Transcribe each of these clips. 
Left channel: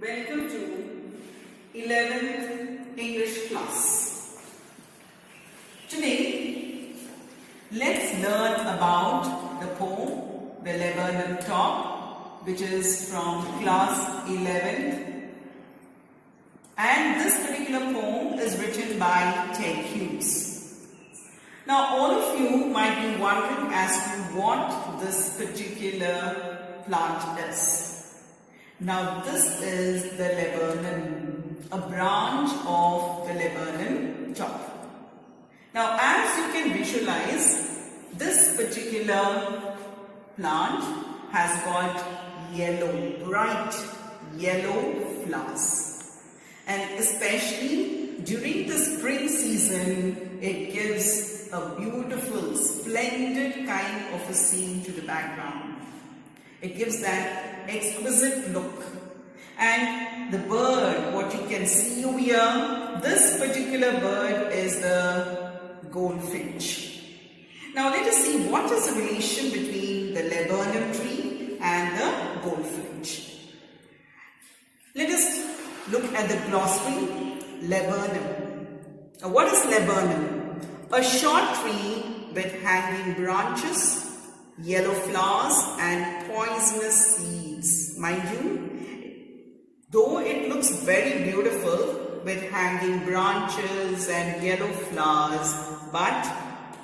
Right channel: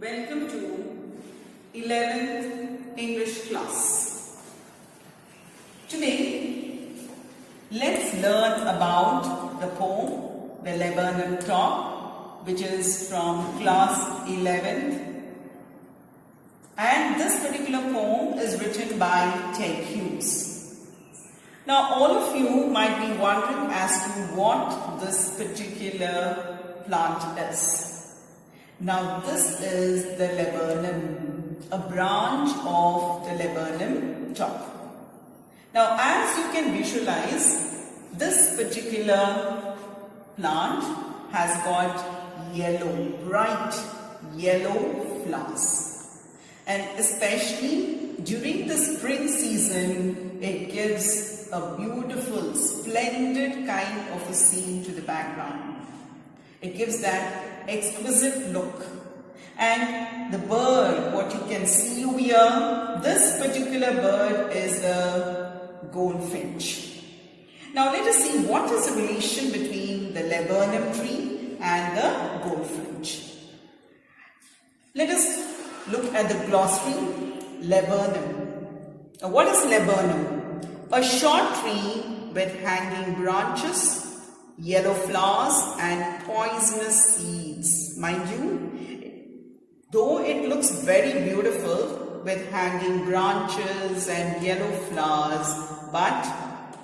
Welcome to 11th English class. Today, let's learn about the poem, The Laburnum Top, which is from class 11th. And this particular poem is written by Ted Hughes. Now, all of you might be wondering as to what this particular plant is. Now, this is the laburnum, a branch of the laburnum top. Now, as you can visualize, this particular plant has got yellow, bright yellow flowers. And especially during the spring season, it gives a beautiful, splendid kind of a scene to the background. It gives that exquisite look. And the bird, what you can see over here, this particular bird is the goldfinch. Now let us see what is the relation between the laburnum tree and the goldfinch. Let us look at the glossary. Laburnum. Now, what is laburnum? A short tree with hanging branches, yellow flowers and poisonous seeds. Mind you, though it looks very beautiful with hanging branches and yellow flowers, but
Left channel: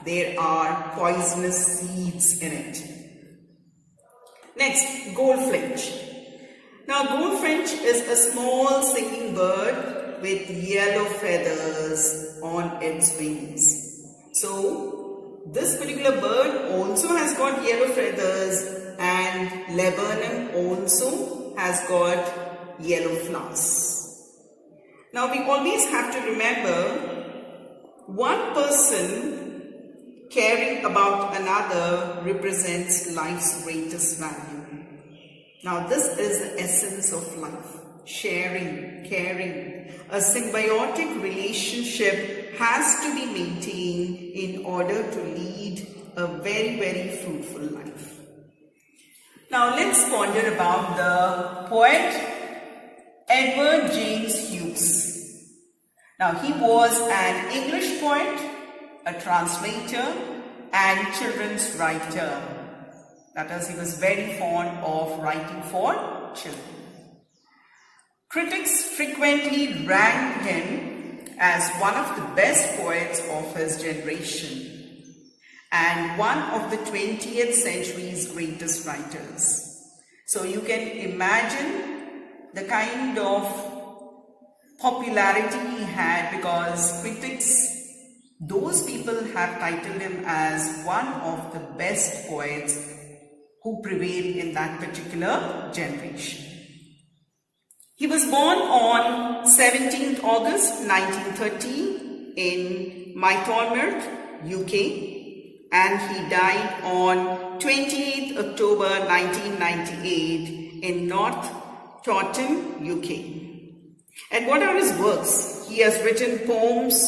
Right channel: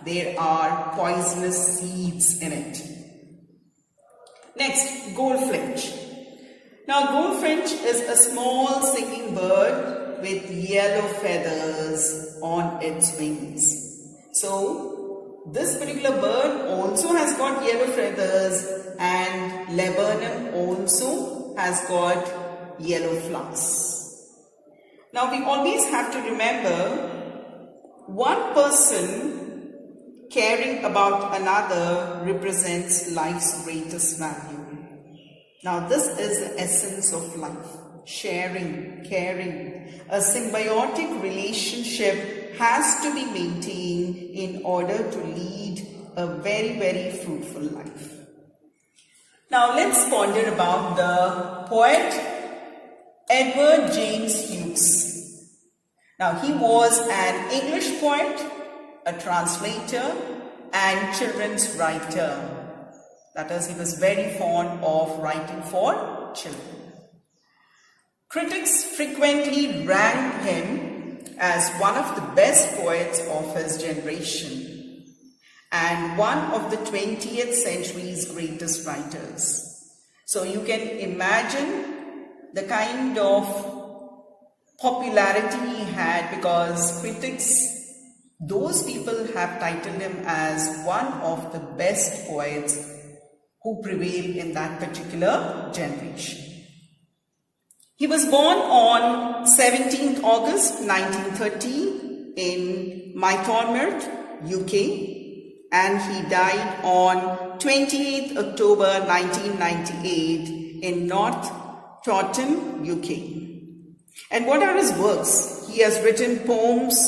there are poisonous seeds in it. Next, goldfinch. Now, goldfinch is a small singing bird with yellow feathers on its wings. So, this particular bird also has got yellow feathers, and laburnum also has got yellow flowers. Now, we always have to remember, one person caring about another represents life's greatest value. Now, this is the essence of life. Sharing, caring, a symbiotic relationship has to be maintained in order to lead a very, very fruitful life. Now, let's ponder about the poet Edward James Hughes. Now, he was an English poet, a translator, and children's writer. That is, he was very fond of writing for children. Critics frequently ranked him as one of the best poets of his generation and one of the 20th century's greatest writers. So you can imagine the kind of popularity he had, because critics, those people have titled him as one of the best poets who prevailed in that particular generation. He was born on 17th August 1930 in Mytonmouth, UK, and he died on 28th October 1998 in North Taunton, UK. And what are his works? He has written poems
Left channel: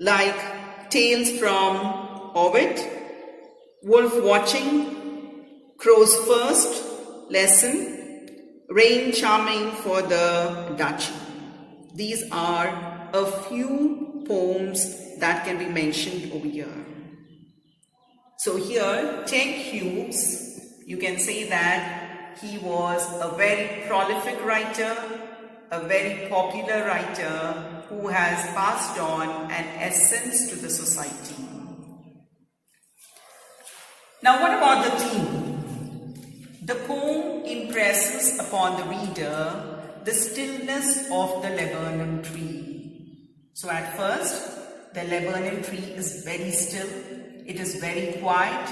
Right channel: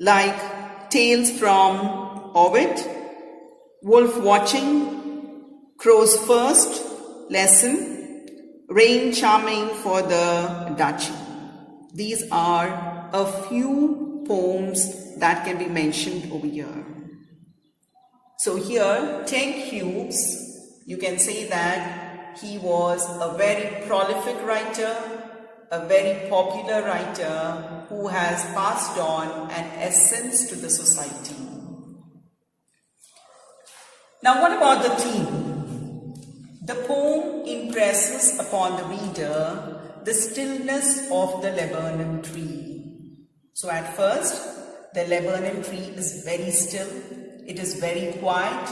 like Tales from Ovid, Wolf Watching, Crow's First Lesson, Rain Charming for the Duchy. These are a few poems that can be mentioned over here. So here, Ted Hughes, you can say that he was a very prolific writer, a very popular writer who has passed on an essence to the society. Now, what about the theme? The poem impresses upon the reader the stillness of the laburnum tree. So at first, the laburnum tree is very still. It is very quiet.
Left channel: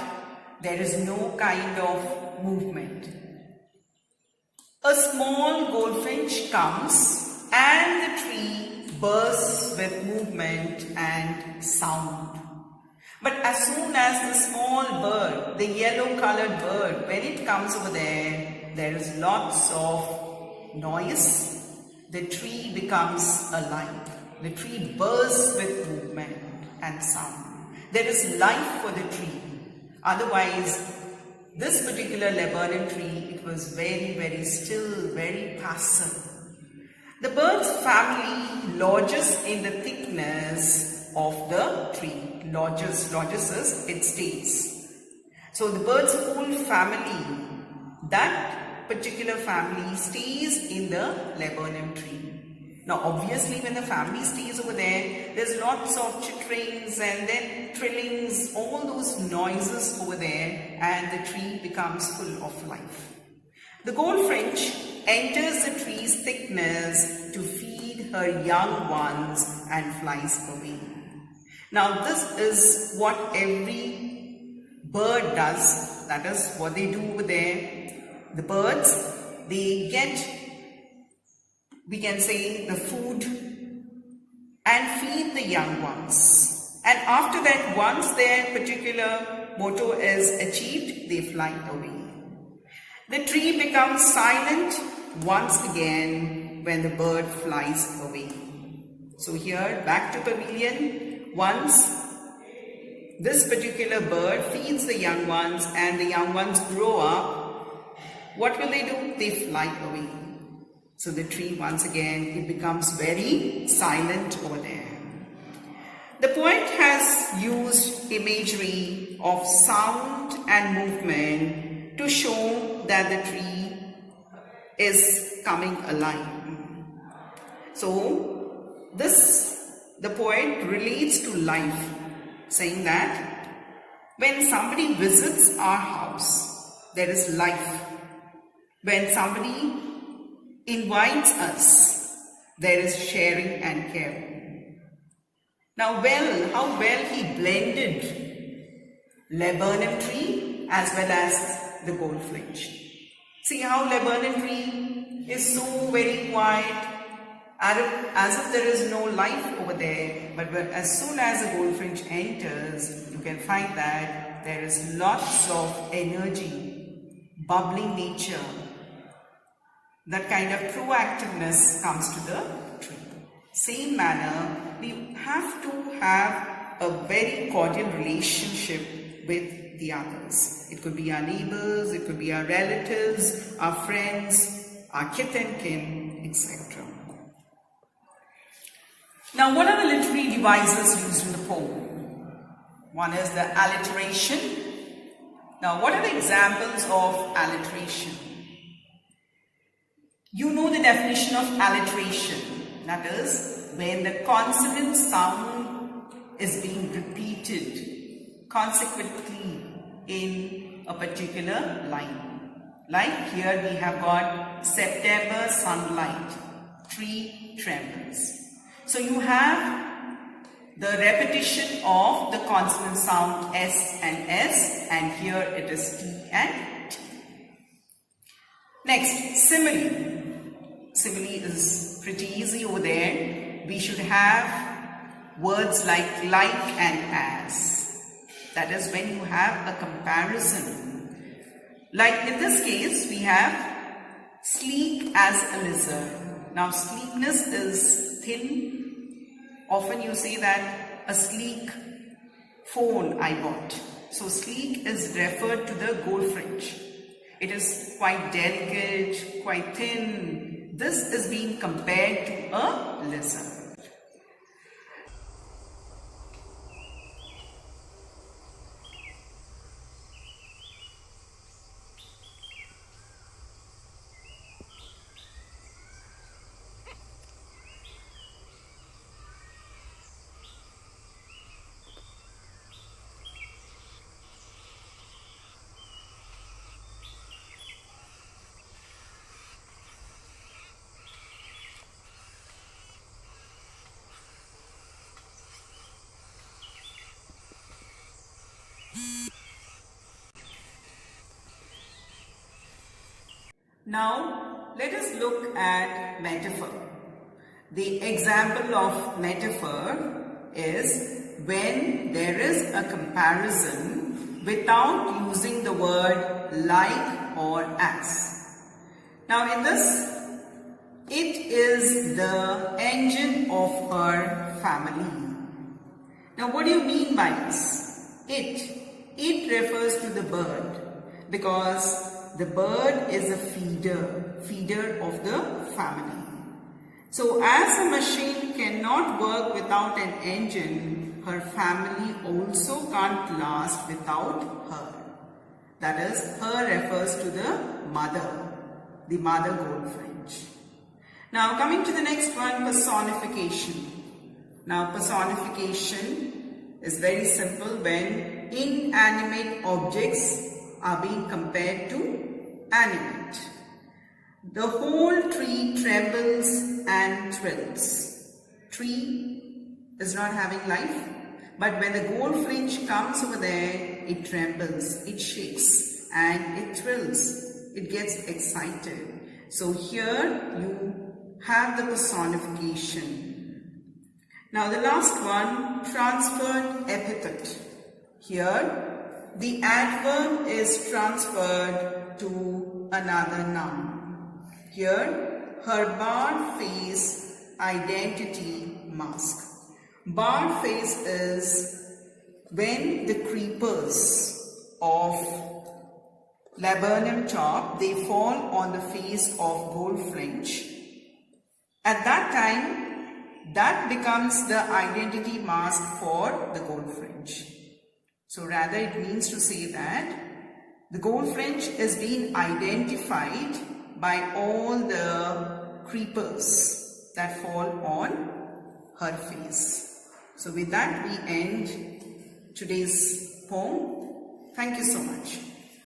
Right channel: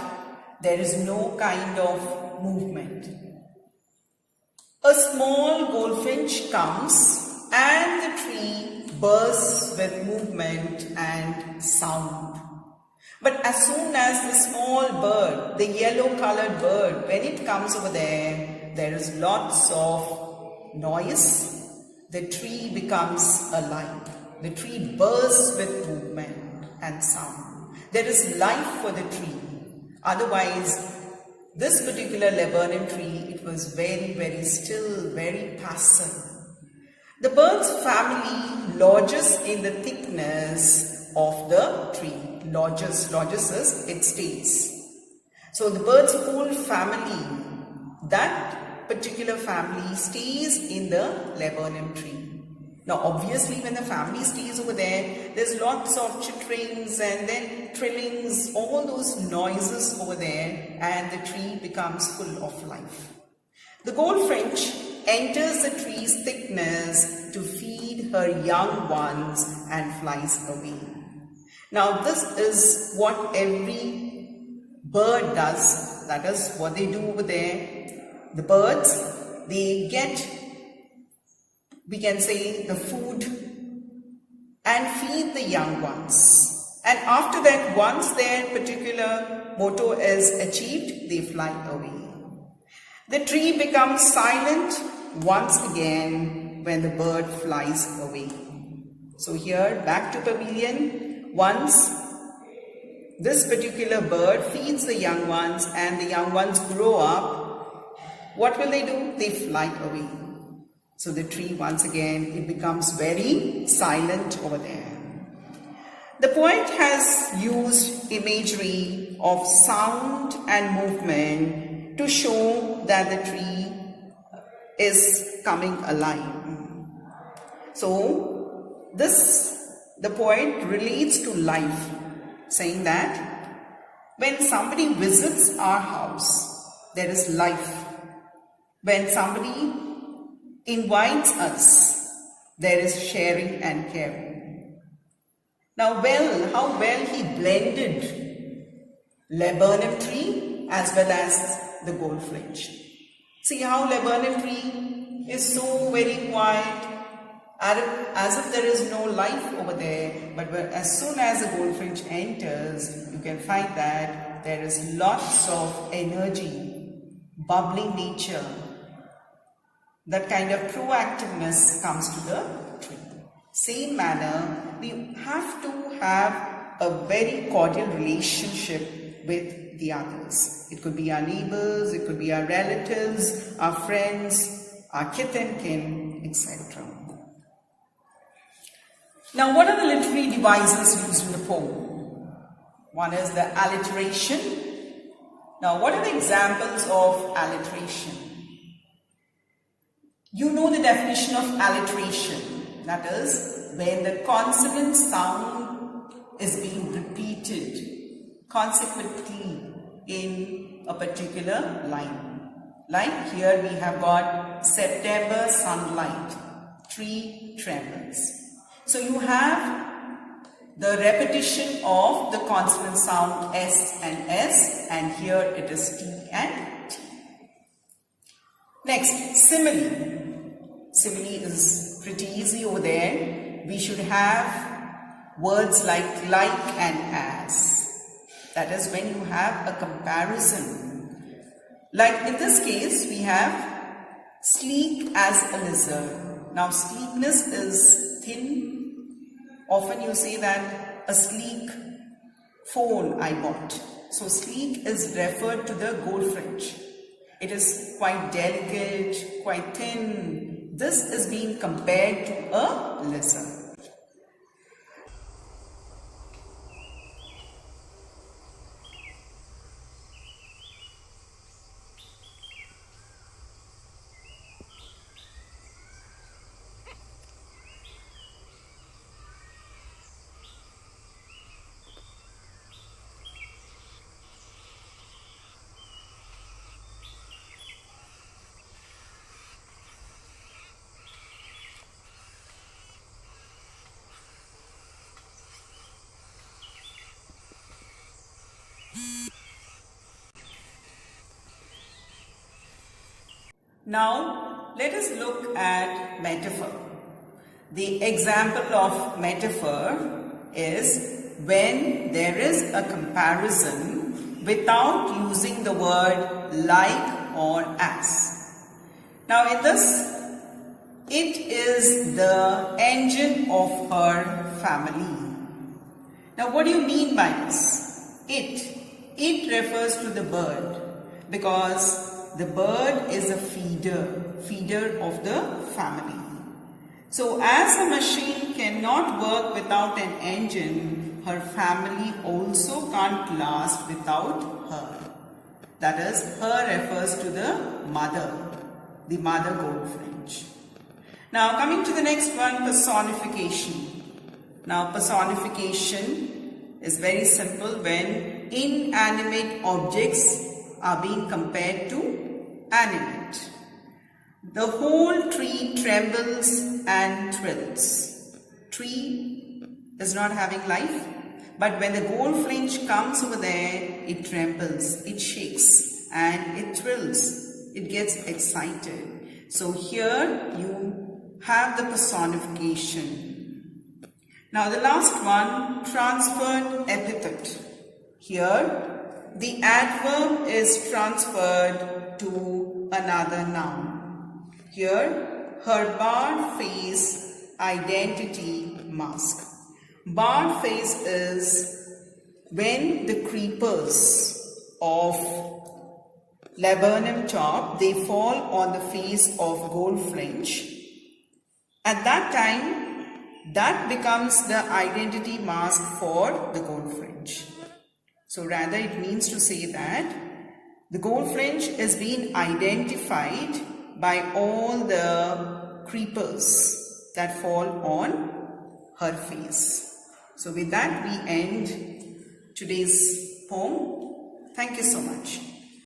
There is no kind of movement. A small goldfinch comes and the tree bursts with movement and sound. But as soon as the small bird, the yellow colored bird, when it comes over there, there is lots of noise. The tree becomes alive. The tree bursts with movement and sound. There is life for the tree. Otherwise, this particular laburnum tree, it was very, very still, very passive. The bird's family lodges in the thickness of the tree. Lodges is it stays. So the bird's whole family, that particular family stays in the laburnum tree. Now obviously when the family stays over there, there's lots of chitterings and then trillings, all those noises over there, and the tree becomes full of life. The goldfinch enters the tree's thickness to feed her young ones and flies away. Now this is what every bird does. That is what they do over there. The birds, they get, we can say, the food and feed the young ones. And after that, once their particular motto is achieved, they fly away. The tree becomes silent once again when the bird flies away. So here, back to pavilion, once this particular bird feeds the young ones and the young ones grow up, what will they do? They fly away. So the tree once again, it becomes very silent over there. The poet has used imagery of sound and movement to show that the tree is coming alive. So the poet relates to life, saying that when somebody visits our house, there is life. When somebody invites us, there is sharing and caring. Now how well he blended laburnum tree as well as the goldfinch. See how laburnum tree is so very quiet, as if there is no life over there, but as soon as the goldfinch enters, you can find that there is lots of energy, bubbling nature. That kind of proactiveness comes to the tree. Same manner, we have to have a very cordial relationship with the others. It could be our neighbors, it could be our relatives, our friends, our kith and kin, etc. Now, what are the literary devices used in the poem? One is the alliteration. Now, what are the examples of alliteration? You know the definition of alliteration. That is, when the consonant sound is being repeated consequently in a particular line. Like here we have got September sunlight, tree trembles. So you have the repetition of the consonant sound S and S, and here it is T and T. Next, simile. Simile is pretty easy over there. We should have words like and as. That is when you have a comparison. Like in this case, we have sleek as a lizard. Now, sleekness is thin. Often you say that a sleek phone I bought. So sleek is referred to the goldfinch. It is quite delicate, quite thin. This is being compared to a lizard. Now, let us look at metaphor. The example of metaphor is when there is a comparison without using the word like or as. Now, in this, it is the engine of her family. Now, what do you mean by this? It refers to the bird. because the bird is a feeder of the family. So as a machine cannot work without an engine, her family also can't last without her. That is, her refers to the mother goldfinch. Now coming to the next one, personification. Now personification is very simple when inanimate objects are being compared to animate. The whole tree trembles and thrills. Tree is not having life, but when the goldfinch comes over there, it trembles, it shakes, and it thrills. It gets excited. So here you have the personification. Now the last one, transferred epithet. Here the adverb is transferred to another noun. Here, her barred face identity mask. Barred face is when the creepers of laburnum top, they fall on the face of goldfinch. At that time, that becomes the identity mask for the goldfinch. So rather it means to say that the goldfinch is being identified by all the creepers that fall on her face. So with that we end today's poem. Thank you so much.